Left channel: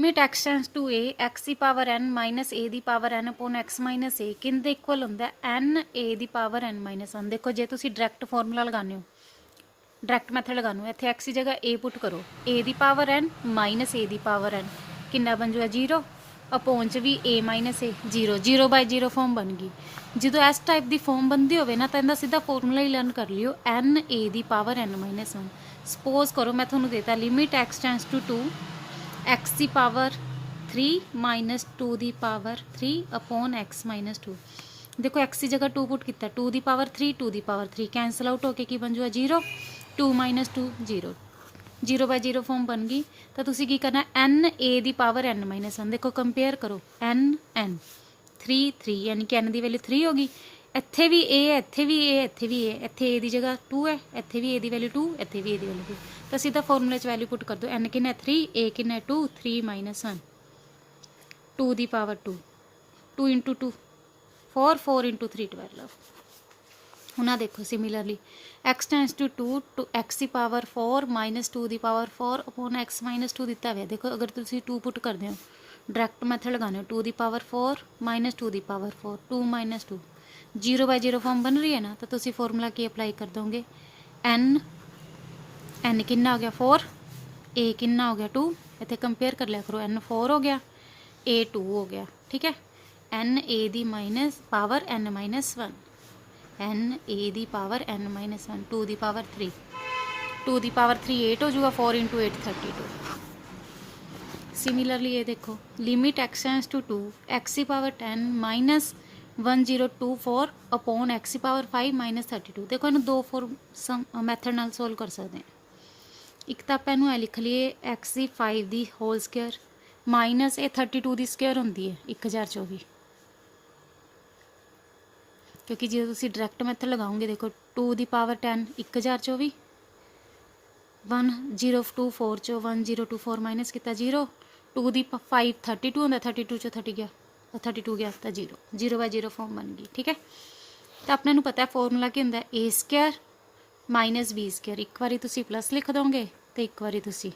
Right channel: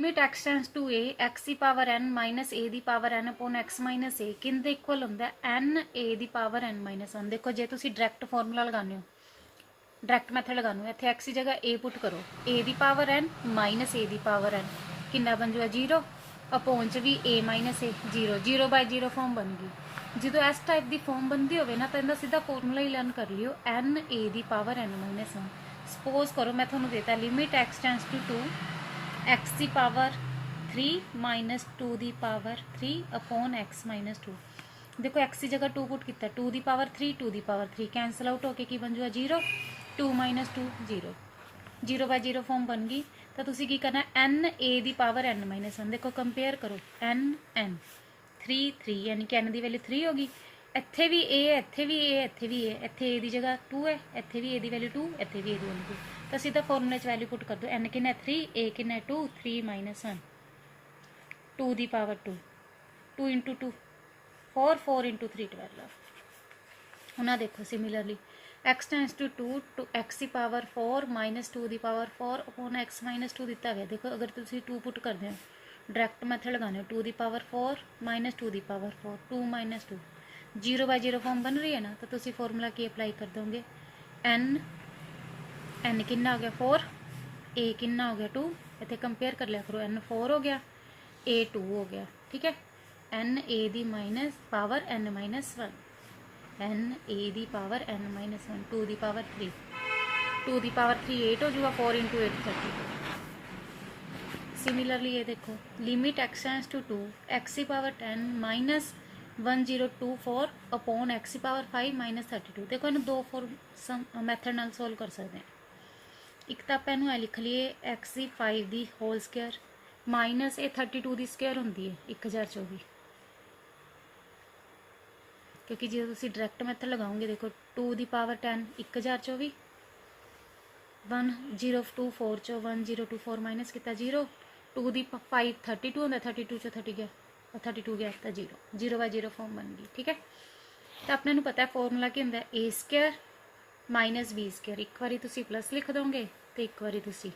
Limit x tends to a x दी power n minus a दी power n upon x minus a किंदे equal हुंदा है n a the power n minus 1। देखो जे तुसी direct formula लगाने हो, डायरैक्ट मैथड लगाने हो, इत्थे x की जगह a पुट करो, a the power n minus a the power n किन्ना बन जाएगा 0 अपॉन च भी a minus a 0 0 by 0 form बन गई। जो इस टाइप की फॉर्म बनती हो ना तो इनका सीधा फॉर्मूला ही लर्न कर लियो n a the power n minus 1। Suppose करो मैं थोड़ा देता limit x tends to 2 x the power 3 minus 2 the power 3 upon x minus 2। देखो x की जगह 2 पुट किया 2 the power 3 2 the power 3 cancel out होके की बन जाएगा 0 2 माइनस 2 0 0 बाय 0 फॉर्म बन गई। तो तुसी की करना n a the power n minus 1। देखो कंपेयर करो n n 3 3 यानी कि n की वैल्यू 3 होगी। इत्थे भी a है, इत्थे भी a, इत्थे भी a, इत्थे a की जगह 2 है, इत्थे भी a की वैल्यू 2, इत्थे भी a की वैल्यू 2। तो सीधा फॉर्मूले वैल्यू पुट कर दो n किन्ना 3 a किन्ना 2 3 minus 1 2 the power 2 2 into 2 4 4 into 3 12। हूँ देखो similarly x tends to 2 to x की पावर 4 माइनस 2 की पावर 4 अपॉन x माइनस 2 दिता हुआ। देखो अगर तुम 2 पुट करते हो डायरैक्ट मैथड लगाने 2 की पावर 4 माइनस 2 की पावर 4 2 माइनस 2 0 बाय 0 फॉर्म बन रही है ना। तो तुम फॉर्मूला की अप्लाई कर दोगे n n किन्ना हो गया 4 a किन्ना हो गया 2 इतने कंपेयर कर लिया करो n 4 हो गया a 2 हो गया। ठीक है n a the minus power n minus 1 n a the power n minus 1 2 the power 3 2 the power 3 8 हो जाएगा 4 इंटू 8 32। सिमिलरली ये देखो limit x tends to 2 x की पावर 10 माइनस 1024 अपॉन x की पावर 5 माइनस 32। देखो इन दो फॉर्म मैथड नाल solve कर सकते हैं। एक तो आप इनू लिख लीए एक्स की 5 की होल स्केयर माइनस ये 32 की स्केयर होंगी है 1024 क्योंकि जो तुम डायरैक्ट मैथड लगाओगे देखो 2 की पावर 10 1024 1024 चो 1024 माइनस किया 0 2 की 5 32 होंगे 32 चो 30 गया 32 गया तो 0 0 बाय 0 फॉर्म बन गई। ठीक है तो अपने पता है फॉर्मूला की होंगे ए स्केयर माइनस बी स्केयर। एक बारी तुसी प्लस लिख दोगे तो एक बारी तुसी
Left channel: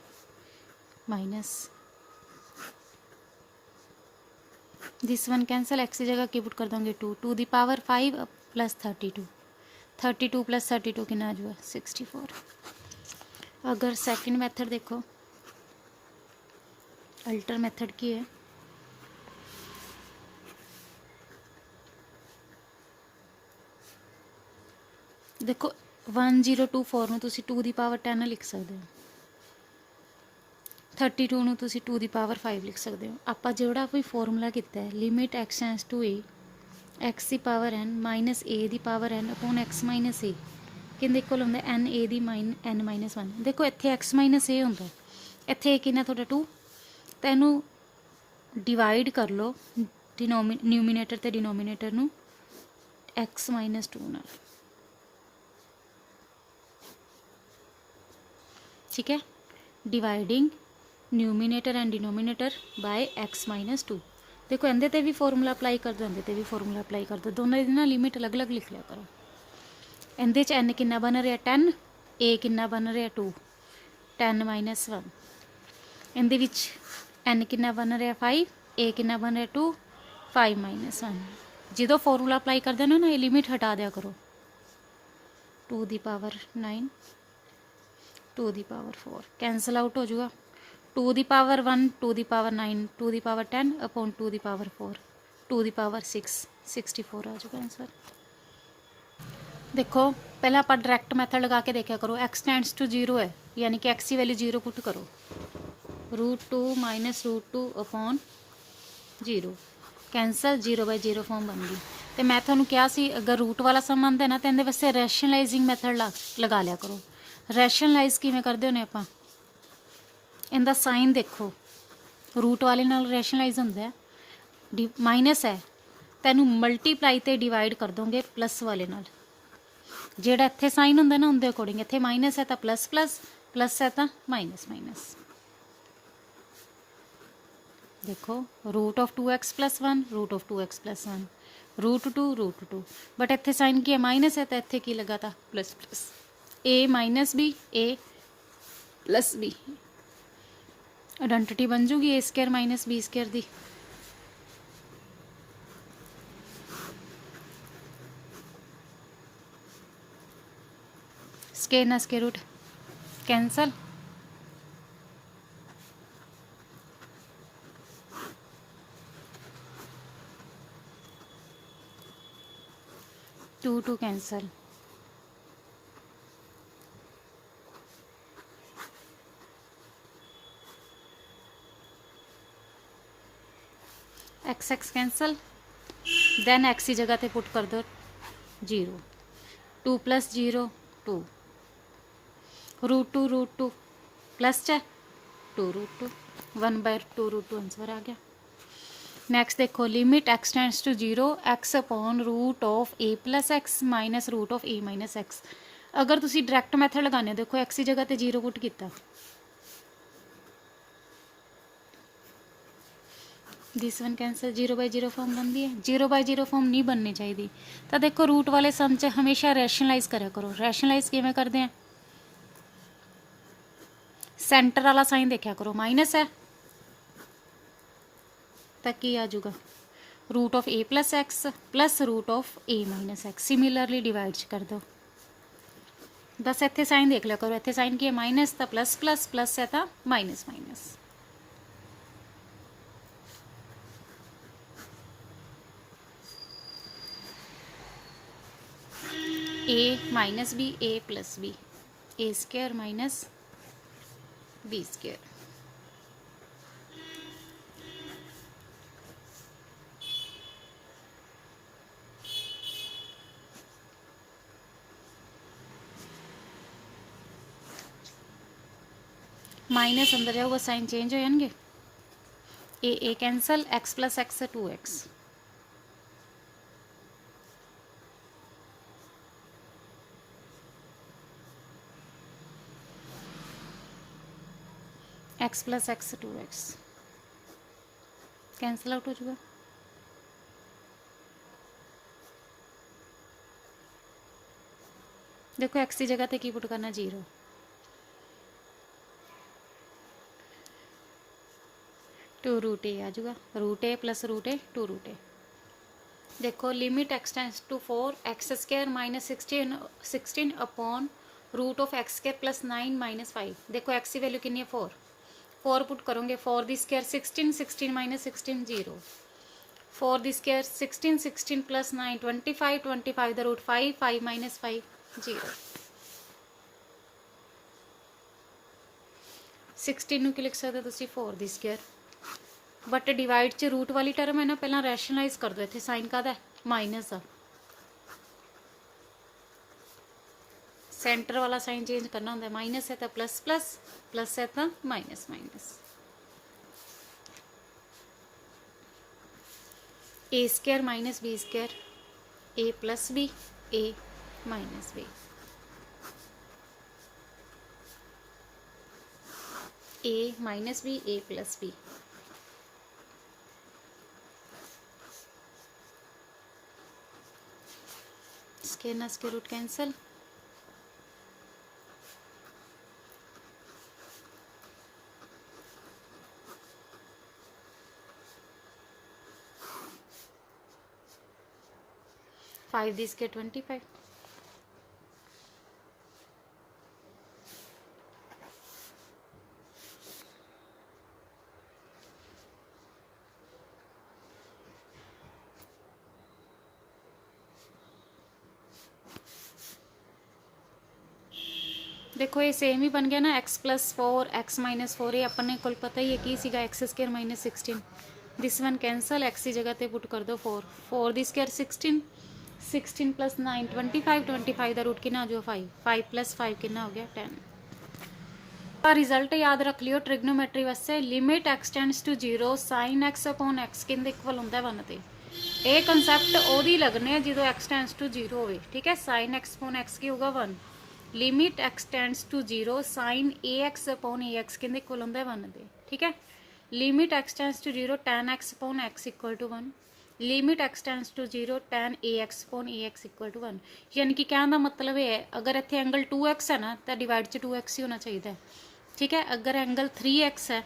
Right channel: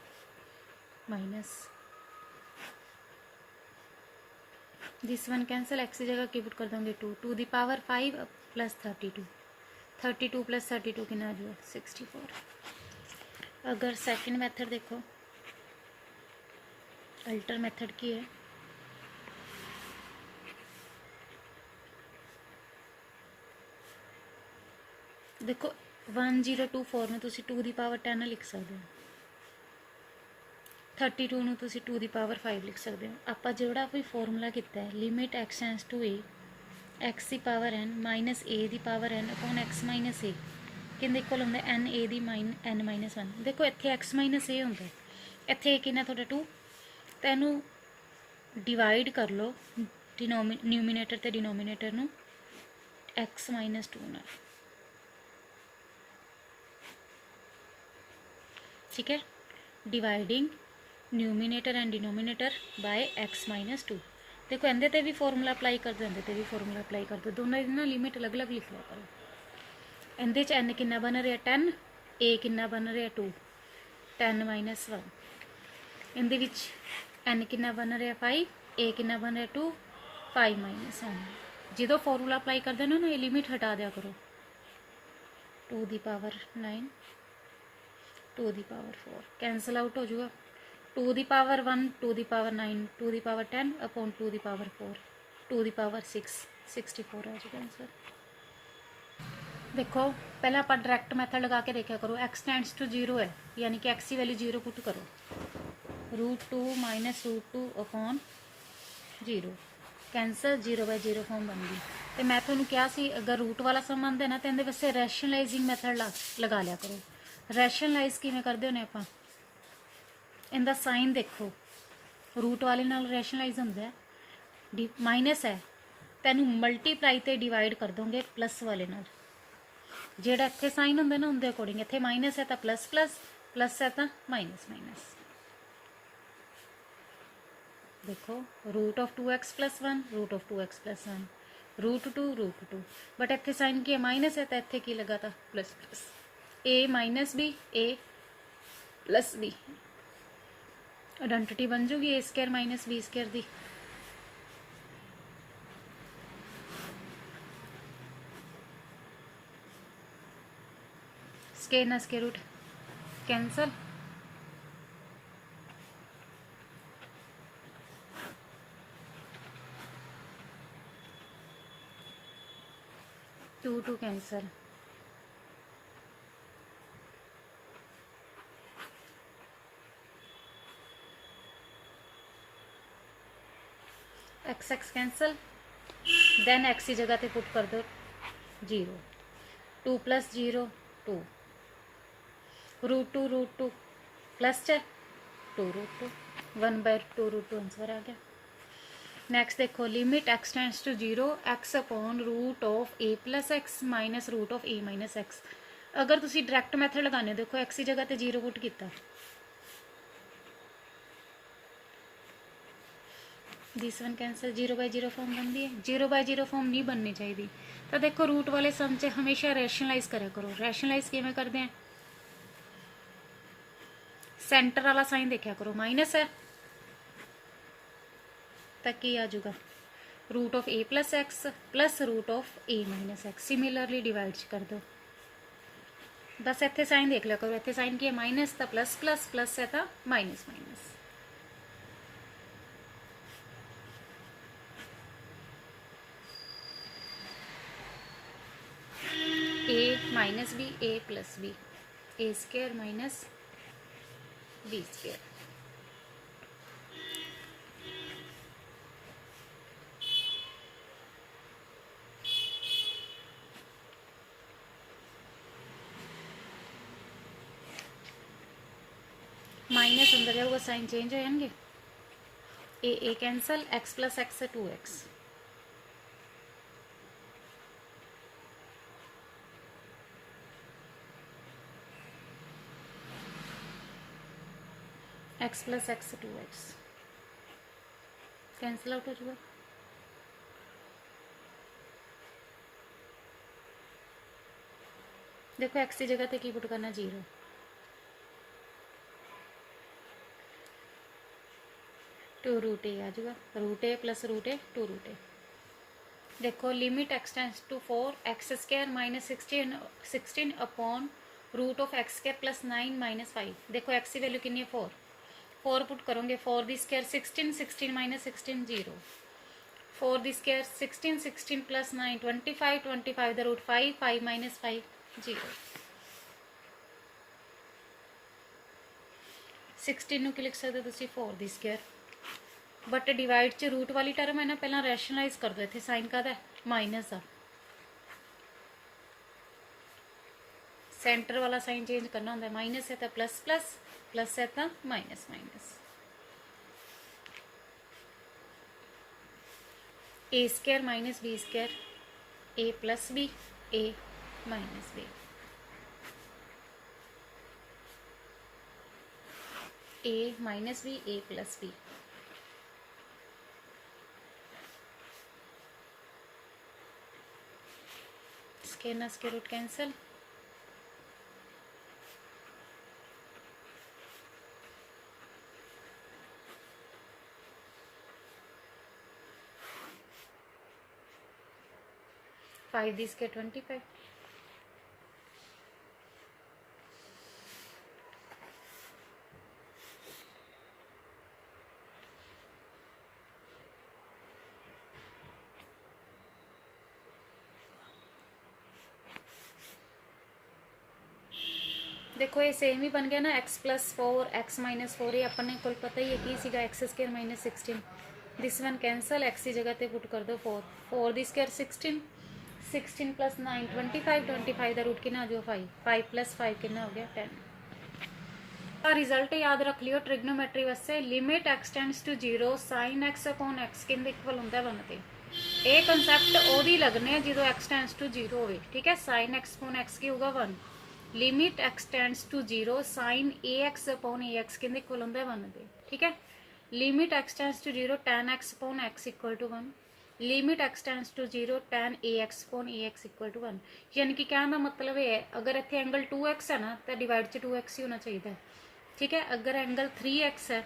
minus this one cancel x की जगह की पुट कर दोगे 2 2 दी पावर 5 प्लस 32 32 प्लस 32 कितना आ जाएगा 64। अगर सेकंड मेथड देखो अल्टर मेथड की है देखो 1024 में तुसी 2 दी पावर 10 लिख सकते हो 32 ਨੂੰ ਤੁਸੀਂ 2 ਦੀ ਪਾਵਰ 5 ਲਿਖ ਸਕਦੇ ਹੋ। ਆਪਾਂ ਜਿਹੜਾ ਵੀ ਫਾਰਮੂਲਾ ਕੀਤਾ ਹੈ limit x tends to a x ਦੀ ਪਾਵਰ n ਮਾਈਨਸ a ਦੀ power n upon x minus a ਕਿੰਦੇ ਕੋਲ ਹੁੰਦਾ n a ਦੀ n ਮਾਈਨਸ 1। ਦੇਖੋ ਇੱਥੇ x ਮਾਈਨਸ a ਹੁੰਦਾ ਇੱਥੇ ਕਿੰਨਾ ਤੁਹਾਡਾ 2 ਤਾਂ ਇਹਨੂੰ ਡਿਵਾਈਡ ਕਰ ਲਓ ਨਿਊਮੀਨੇਟਰ ਤੇ ਡਿਨੋਮੀਨੇਟਰ ਨੂੰ x ਮਾਈਨਸ 2 ਨਾਲ। ठीक है dividing numerator and denominator by x minus 2। देखो इहदे ते भी फॉर्मूला अप्लाई कर दो इहदे ते भी फॉर्मूला अप्लाई कर दो दोनों दी ना लिमिट अलग अलग लिख लिया करो। इहदे च n किन्ना बन रहा 10 a किन्ना बन रहा 2 10 माइनस 1 इहदे विच n किन्ना बन रहा 5 a किन्ना बन रहा 2 5 माइनस 1। जो फॉर्मूला अप्लाई कर देना ना ये लिमिट हटा दिया करो 2 the power 9 2 the power 4 cancel out हो जाएगा 2 the power 1 2 the power 9 2 the power 10 upon 2 the power 4 2 the power 6 64 आ जाएगा आंसर। देखो पहले आप डायरैक्ट मैथड लगा के देखा करो x टेंड्स टू 0 है यानी कि x की वैल्यू 0 पुट करो √2 minus √2 upon 0 cancel 0 by 0 form बन गई। तो मैं थोड़ा क्या सी अगर रूट वाला सम आंदा ना तो इहदे वास्ते रैशनलाइजिंग मैथड लगा लिया करो। रैशनलाइज किवें करदे होने आपां इनका साइन देखो रूट वाले नाल रैशनलाइज होंदा है माइनस है तो इनू मल्टीप्लाई ते डिवाइड कर दोगे प्लस वाले नाल जेड़ा इत्थे साइन होंदा ना उनके अकॉर्डिंग इत्थे माइनस है तो प्लस प्लस प्लस है तो माइनस माइनस। देखो root of 2x plus 1 root of 2x plus 1 √2 but इत्थे साइन की है माइनस है तो इत्थे की लगा था plus plus a minus B a plus B identity बन जूगी A square minus B square दी। स्केयर ना square root cancel, two two cancel, X X cancel, then X की जगह पे पुट कर दो 0, 2 + 0 2, √2 प्लस च 2√2, 1/2√2 आंसर आ गया। नेक्स्ट देखो limit x tends to 0 X upon root of A plus X minus root of A minus X. अगर तुसी डायरैक्ट मैथड लगाने देखो एक्स की जगह पे 0 पुट किया, दिस वन कैंसल, 0/0 फॉर्म बनती है। 0/0 फॉर्म नहीं बननी चाहिए। तो देखो रूट वाले सम च हमेशा रैशनलाइज करा करो। रैशनलाइज किवें करते हैं, सेंटर वाला साइन देखा करो, माइनस है तो की आ जाऊगा root of A plus x plus root of A minus x. Similarly divide कर दो। बस इतने साइन देख लिया करो, इतने साइन की माइनस तो प्लस प्लस प्लस है तो minus minus. A minus b a plus b, a square minus b square. Minus अंदर जाऊगा साइन चेंज हो जाएंगे। A cancel, x plus x है 2x, x plus x 2x cancel out हो जाएगा। देखो एक्स की जगह पे की पुट करना 0, टू रूट ए आ जाएगा, root A plus root A 2 root A. देखो limit x tends to 4 X square minus 16 upon root of X square plus 9 minus 5। देखो एक्स की वैल्यू कितनी है 4, 4 पुट करोगे 4 दी स्क्वायर 16, 16 माइनस 16 0, 4 दी square 16, 16 plus 9 25, 25 the root 5, 5 minus 5 0। 16 ਨੂੰ ਕੀ ਲਿਖ ਸਕਦੇ ਤੁਸੀਂ 4 ਦੀ ਸਕੁਅਰ, बट डिवाइड च रूट वाली टर्म है ना, पहला रैशनलाइज कर दो। इतने साइन का माइनस आ, सेंटर वाला साइन चेंज करना होंगे। माइनस है तो प्लस प्लस, प्लस है तो minus minus. A square minus b square, A plus b A minus b, A minus b a plus B. Square ना स्क्वायर रूट कैंसल, फाइव दी square 25, देखो ये same ही बन गया ना, एक्स प्लस 4 एक्स माइनस 4। ये अपने को पता ही है कि सीगा x square minus 16। This one cancel, x की जगह पे पुट कर दो 4, 4 दी स्क्वायर 16, 16 प्लस 9 25, 25 का रूट कितना जो 5, 5 प्लस 5 कितना हो गया 10। रिजल्ट याद रख लियो ट्रिग्नोमेट्री वास्ते, limit x tends to 0 sine x upon x किंदे इक्वल होंदा है 1 ते। ये कंसैप्ट ओदी लगने जो एक्स टेंड्स टू 0 हो, ठीक है। साइन एक्स अपॉन एक्स की होगा 1, limit x tends to 0 sine a x upon a x किंदे इक्वल होंदा है 1 ते, ठीक है। Limit x tends to 0 tan x upon x equal to 1, limit x tends to 0 tan a x upon a x equal to 1। यानी कि कहने का मतलब है अगर इतने एंगल 2x है ना तो डिवाइड च 2x ही होना चाहिए, ठीक है। अगर एंगल 3x है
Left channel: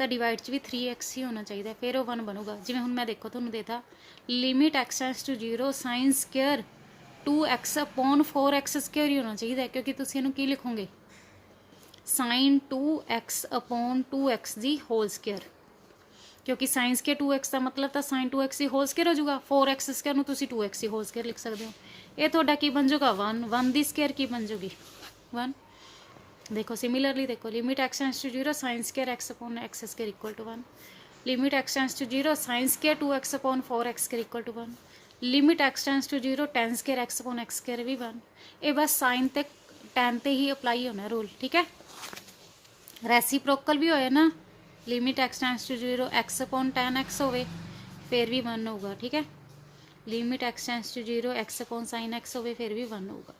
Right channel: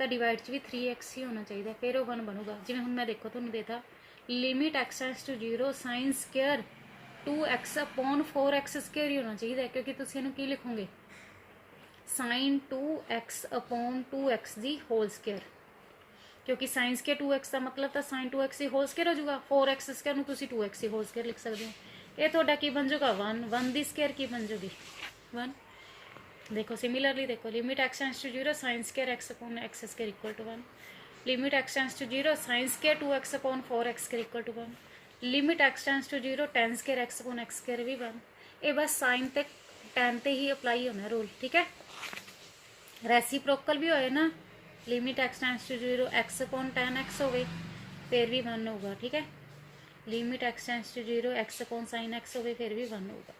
ਤਾਂ ਡਿਵਾਈਡ 'ਚ ਵੀ 3x ਹੀ ਹੋਣਾ ਚਾਹੀਦਾ, ਫਿਰ ਉਹ 1 ਬਣੂਗਾ। ਜਿਵੇਂ ਹੁਣ ਮੈਂ ਦੇਖੋ ਤੁਹਾਨੂੰ ਦੇਤਾ limit x tends to 0 sine square 2x upon 4x square ਹੀ ਹੋਣਾ ਚਾਹੀਦਾ, ਕਿਉਂਕਿ ਤੁਸੀਂ ਇਹਨੂੰ ਕੀ ਲਿਖੋਗੇ ਸਾਈਨ 2x ਅਪੋਨ 2x ਦੀ ਹੋਲ ਸਕੁਅਰ, ਕਿਉਂਕਿ ਸਾਈਨ ਸਕੁਅਰ 2x ਦਾ ਮਤਲਬ ਤਾਂ ਸਾਈਨ 2x ਦੀ ਹੋਲ ਸਕੁਅਰ ਹੋ ਜਾਊਗਾ। 4x ਸਕੁਅਰ ਨੂੰ ਤੁਸੀਂ 2x ਦੀ ਹੋਲ ਸਕੁਅਰ ਲਿਖ ਸਕਦੇ ਹੋ। ਇਹ ਤੁਹਾਡਾ ਕੀ ਬਣ ਜਾਊਗਾ 1, 1 ਦੀ ਸਕੁਅਰ ਕੀ ਬਣ ਜਾਊਗੀ 1। देखो सिमिलरली देखो limit x tends to 0 sine square x upon x square equal to 1, limit x tends to 0 sine square 2x upon 4x square equal to 1, limit x tends to 0 tan square x upon x square भी 1। ये बस sign ते tan ते ही apply होना rule, ठीक है। Reciprocal भी होए ना, limit x tends to 0 x upon tan x होवे फिर भी 1 होगा, ठीक है। Limit x tends to 0 x upon sin x होवे फिर भी 1 होगा।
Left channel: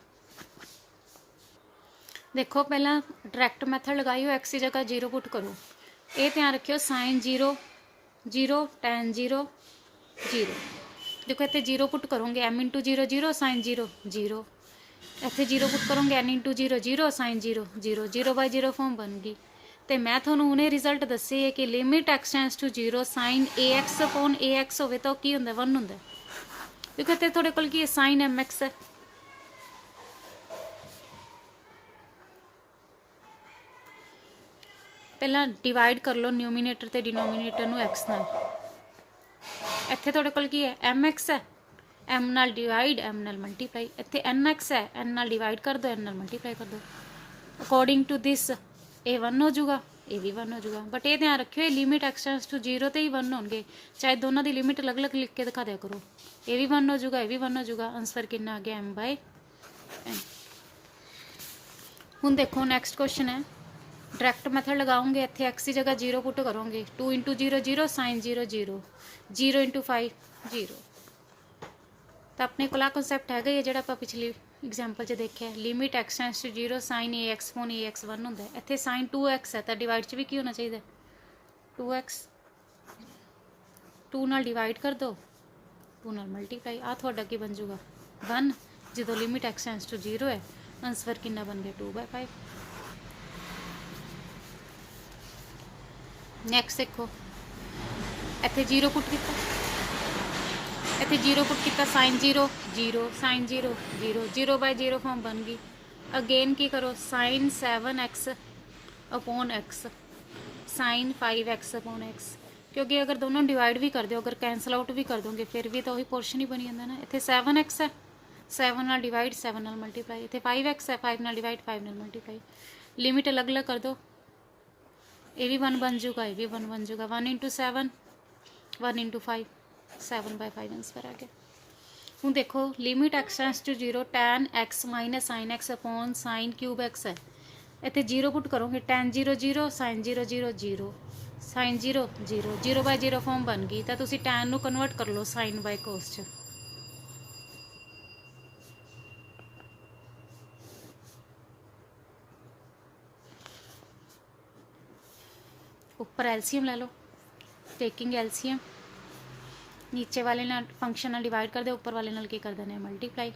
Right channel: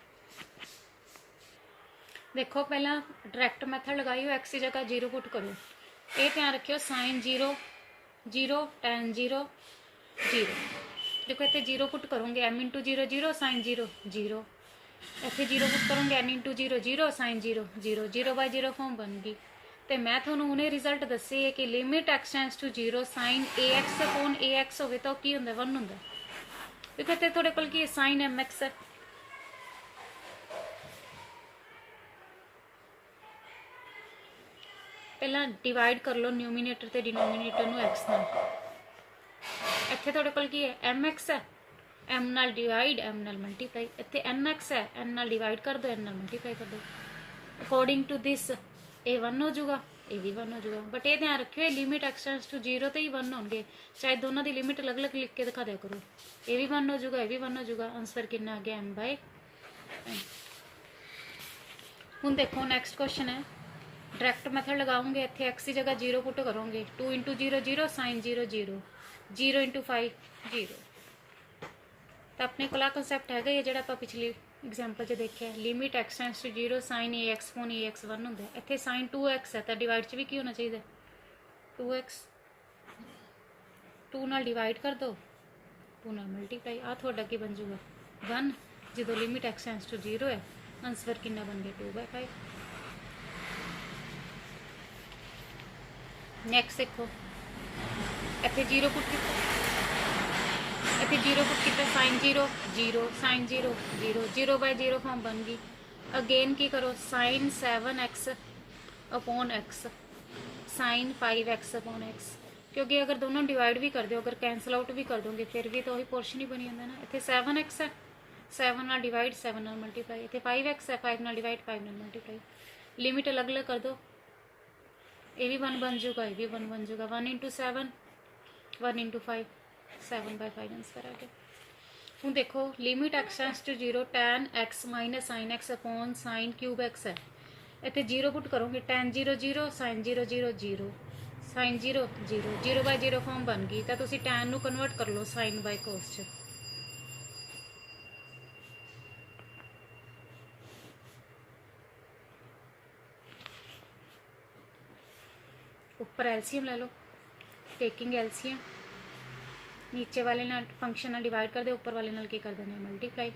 देखो पहला डायरैक्ट मैथड लगाई हो, एक्स की जगह 0 पुट करो। ये ध्यान रखियो साइन 0 0 tan 0 0। देखो इतने 0 पुट करोगे m इंटू 0 0 साइन 0 0, इतने 0 पुट करोगे n into 0 0 sine 0 0, 0 by 0 form बन गई। तो मैं थोड़ा हुणे रिजल्ट दसे है कि limit x tends to 0 sine ax upon ax होवे तो की हुंदा 1 हुंदा। देखो इतने थोड़े कोल की साइन mx है, पहला डिवाइड कर लो न्यूमीनेटर ते डिनोमीनेटर नूं x नाल। इत्थे तुहाडे कोल की है mx है, m नाल डिवाइड m नाल मल्टीप्लाई। इत्थे nx है, n नाल डिवाइड कर दो, n नाल मल्टीप्लाई कर दो। अकॉर्डिंग टू दिस ये 1 हो जाऊगा, ये भी 1 हो जाऊगा। बट ये ध्यान रखियो ये लिमिट x टेंड्स टू 0 ते ही 1 होणगे, चाहे दोनों की लिमिट अलग अलग लिख के दिखा दिया करो। ये भी 1 हो जाऊगा, ये भी 1 हो जाऊगा। आंसर कितना आ गया m/n। हुण देखो नैक्सट क्वेश्चन है, डायरैक्ट मैथड लगाओगे, इतने एक्स की जगह 0 पुट करोगे, 2 इंटू 0 0 साइन 0 0, 0 इंटू 5 0। तो अपने को कॉन्सैप्ट है ये जो आप पिछली एग्जाम्पल च देखे limit x tends to 0 sine ax upon ax 1 होंगे। इतने साइन 2x है तो डिवाइड च भी की होना चाहिए 2x, 2 नाल डिवाइड कर दो, 2 नाल मल्टीप्लाई। आ थोड़ा की बन जाऊगा 1 जो लिमिट x टेंड्स टू 0 है। आंसर कितना बन गया 2/5। नैक्सट देखो इतने 0 पुट किया, इतने 0 पुट किया साइन 0 0 साइन 0 0, 0 बाय 0 फॉर्म बन गई। अगेन की करो sine 7x upon x sine 5x upon x, क्योंकि अगर दोनों डिवाइड भी कर दो, अगर कैंसल आउट भी कर दोगे फिर भी तो वही पोर्शन ही बनी जाता ना। इतने 7x है, 7 नाल डिवाइड 7 नाल मल्टीप्लाई। इतने 5x है, 5 नाल डिवाइड 5 नाल मल्टीप्लाई। लिमिट अलग अलग कर दो, ये भी 1 बन जाऊगा, ये भी 1 बन जाऊगा। 1 इंटू 7 1 इंटू 5 7/5 आंसर आ गया। हूँ देखो limit x tends to 0 tan x minus sine x upon sine cube x है। इतने 0 पुट करोगे tan 0 0 sine 0 0 0 sine 0 0, 0 by 0 form बन गई। तो तुसी tan नू कन्वर्ट कर लो साइन बाय कोस च। ऊपर एलसीएम ले लो, टेकिंग एलसीएम, नीचे वाले ना फंक्शन नाल डिवाइड कर दे, ऊपर वाले नाल की कर देने मल्टीप्लाई।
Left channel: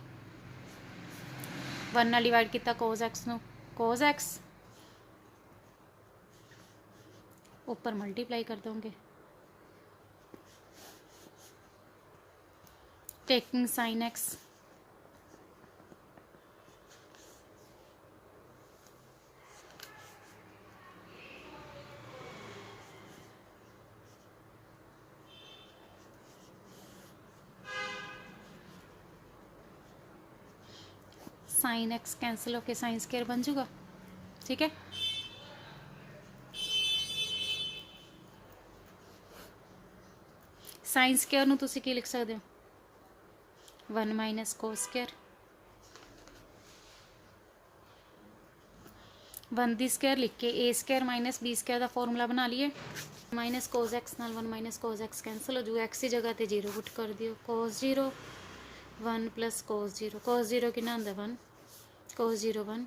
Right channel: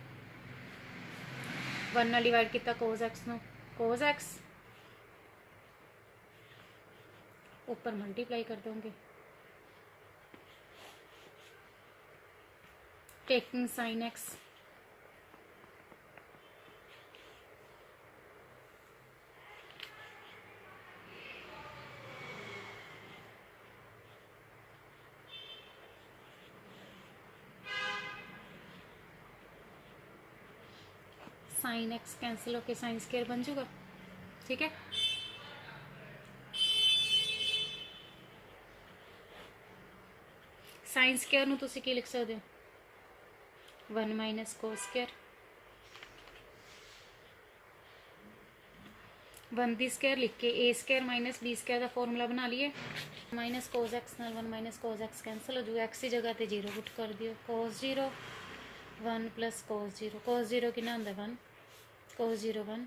1 नाल डिवाइड किया कोस एक्स नू, कोस एक्स ऊपर मल्टीप्लाई कर दोगे, taking sine x sine x cancel होके साइन स्क्वायर बन जाऊगा, ठीक है। साइन स्क्वायर नू तुसी की लिख सकते हो 1 माइनस कोस स्क्वायर, 1 दी स्क्वायर लिख के ए स्क्वायर माइनस बी स्क्वायर का फॉर्मूला बना लिए। माइनस कोस एक्स नाल 1 माइनस कोस एक्स कैंसिल हो जाऊगा। एक्स की जगह ते 0 पुट कर दियो, कोस 0 1 प्लस कोस 0, कोस 0 कितना होंदा 1, कोस 0 1।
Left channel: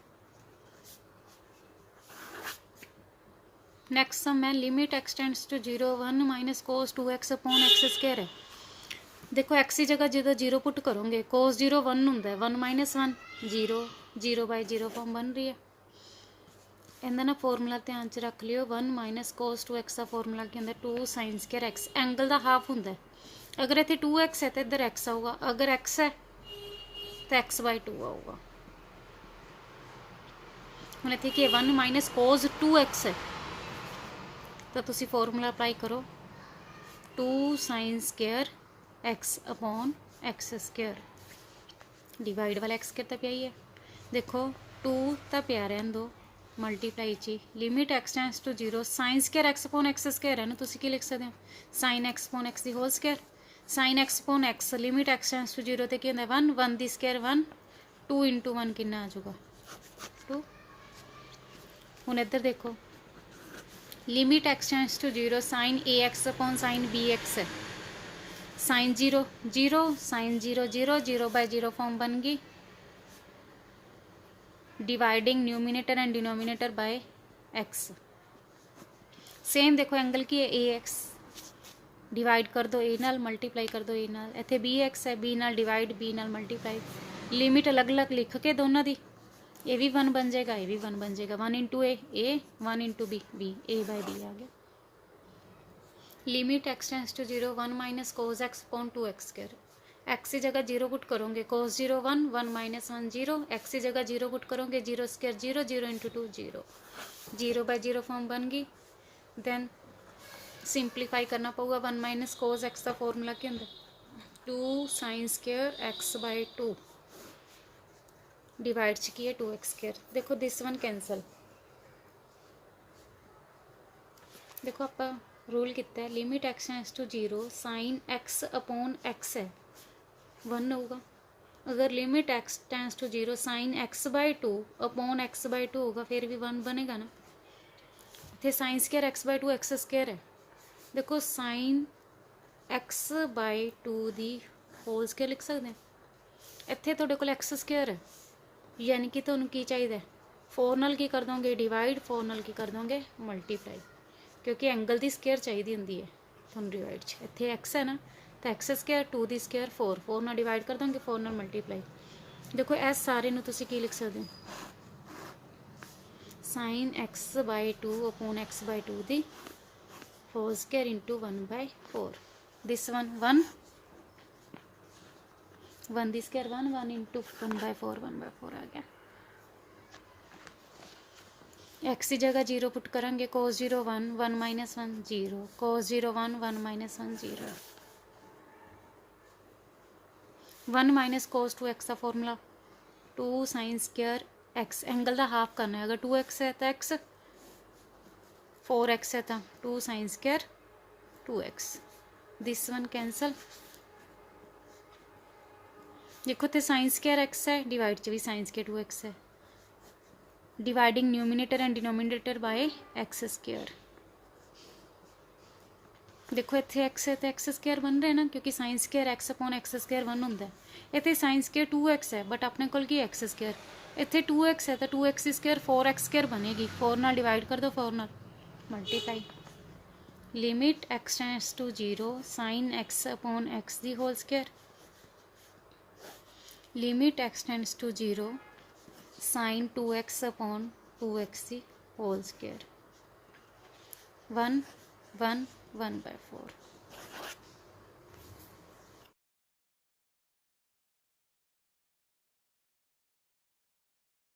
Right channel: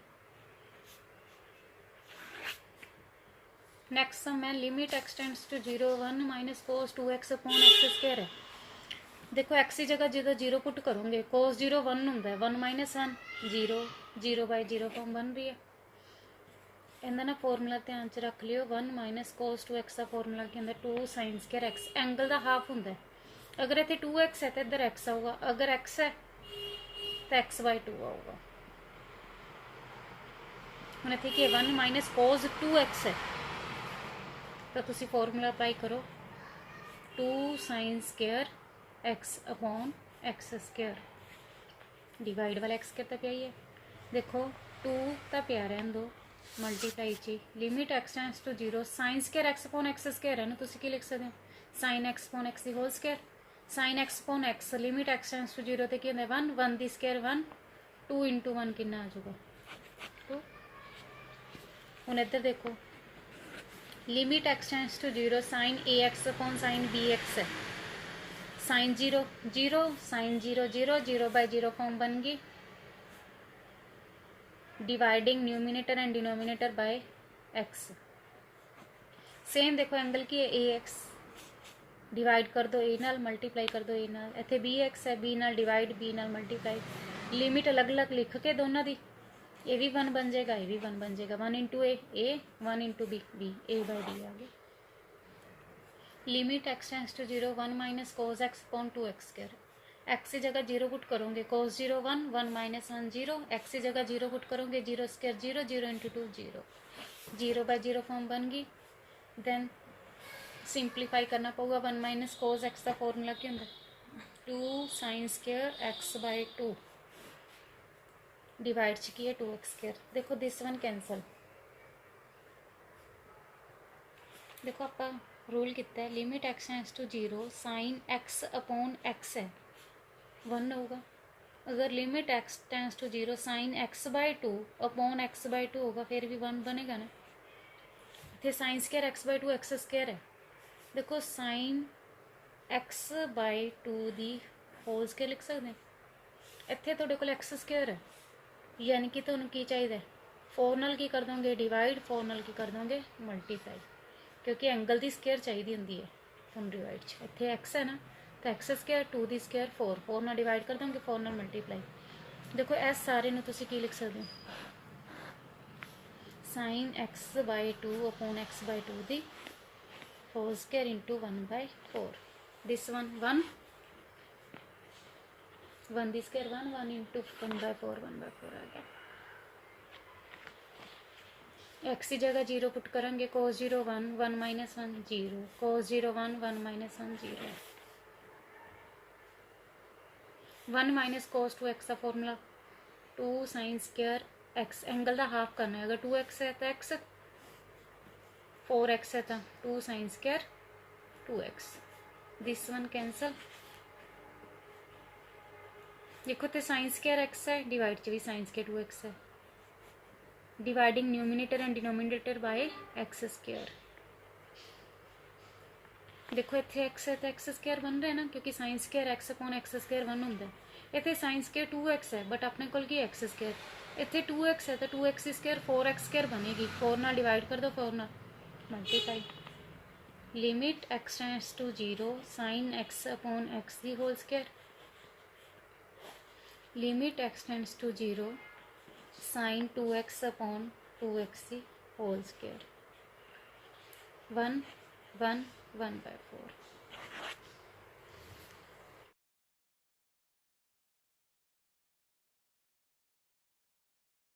नेक्स्ट सम है limit x tends to 0 1 minus cos 2x upon x square है। देखो x की जगह जो 0 पुट करोगे कोस 0 1 होंदा है, 1 माइनस 1 0, 0 बाय 0 फॉर्म बन रही है। ਇਹਦਾ ਨਾ ਫਾਰਮੂਲਾ ਧਿਆਨ ਚ ਰੱਖ ਲਿਓ 1 ਮਾਈਨਸ ਕੋਸ 2x ਦਾ ਫਾਰਮੂਲਾ ਕੀ ਹੁੰਦਾ 2 ਸਾਈਨ ਸਕੁਅਰ x ਐਂਗਲ ਦਾ ਹਾਫ ਹੁੰਦਾ ਅਗਰ ਇੱਥੇ 2x ਹੈ ਤੇ ਇੱਧਰ x ਆਊਗਾ ਅਗਰ x ਹੈ ਤਾਂ x/2 ਆਊਗਾ ਹੁਣ ਇੱਥੇ ਕੀ 1 ਮਾਈਨਸ ਕੋਸ 2x ਹੈ ਤਾਂ ਤੁਸੀਂ ਫਾਰਮੂਲਾ ਅਪਲਾਈ ਕਰੋ 2 sign square x upon x square divide वाला एक्स कितना पिया ही है देखो 2 तो पिया रहन दो मल्टीप्लाई ची limit x tends to 0 sine square x upon x square है ना तुसी की लिख सकते हो sine x upon x the whole square sine x upon x limit x tends to 0 ते की होंदा 1 1 दी स्क्वायर 1 2 इंटू 1 कितना आ जाऊगा 2 हुण इधर देखो limit x tends to 0 sine a x upon sine b x है साइन 0 0 साइन 0 0 0/0 फॉर्म बन गई dividing numerator and denominator by x same देखो एंगल की है ए एक्स डिवाइड कर दो ए नाल मल्टीप्लाई कर दो ए नाल इत्थे बी एक्स है बी नाल डिवाइड बी नाल मल्टीप्लाई लिमिट अलग अलग लिख के दोनों दी ए भी 1 बन जाएगा ए भी 1 बन जाएगा 1 into a 1 into b b A/D आ गया limit x tends to 0 1 minus cos x upon 2x square x की जगह 0 पुट करोगे कोस 0 1 1 माइनस 1 0 एक्स की जगह 0 पुट करोगे 0 स्क्वायर 0 0 इंटू 2 0 0/0 फॉर्म बन गई देन सिंपलीफाई करना पड़ेगा 1 माइनस कोस एक्स का फॉर्मूला क्या होंगे 2 साइन स्क्वायर x/2 डिवाइड च की है 2x स्क्वायर देखो दिस वन कैंसल देखो आप रूल कितना है limit x tends to 0 sine x upon x है 1 होगा अगर limit x tends to 0 sine x/2 upon x/2 होगा फिर भी 1 बनेगा ना इतने sine square x/2 x square है देखो sign x/2 the whole square लिख सकते हैं इतने तुहाडे कोल एक्स स्क्वायर है यानी कि तुहानूं की चाहिए 4 नाल की कर दोगे डिवाइड 4 नाल की कर दोगे मल्टीप्लाई क्योंकि एंगल की स्केयर चाहिए होंगी है थोड़ा डिवाइड इतने एक्स है ना तो एक्स स्केयर 2 की स्केयर 4 4 ना डिवाइड कर देंगे 4 ना मल्टीप्लाई देखो इस सारे की लिख सकते हो sine x/2 upon x/2 the whole square into 1/4 this 1 1 1 the square 1 1 into 1/4 1/4 आ गया एक्स की जगह 0 पुट करेंगे cos 0 1 1 minus 1 0 cos 0 1 1 minus 1 0 1 minus cos 2x का formula 2 sine square x angle का हाफ करना है अगर 2x है तो x 4x है तो 2 sine square 2x this one cancel देखो तो साइन स्क्वायर x है डिवाइड च भी साइन स्क्वायर 2x है dividing numerator and denominator by x square देखो इतने एक्स है तो एक्स स्क्वायर बन रहा है ना क्योंकि sign square x upon x square 1 होंगे इतने साइन स्क्वायर 2x है बट अपने को एक्स स्क्वायर इतने 2x है तो 2x स्क्वायर 4x स्क्वायर बनेगी 4 नाल डिवाइड कर दो 4 नाल multiply limit x tends to 0 sine x upon x the whole square limit x tends to 0 sine 2x upon 2x की होल स्क्वायर 1 1 1/4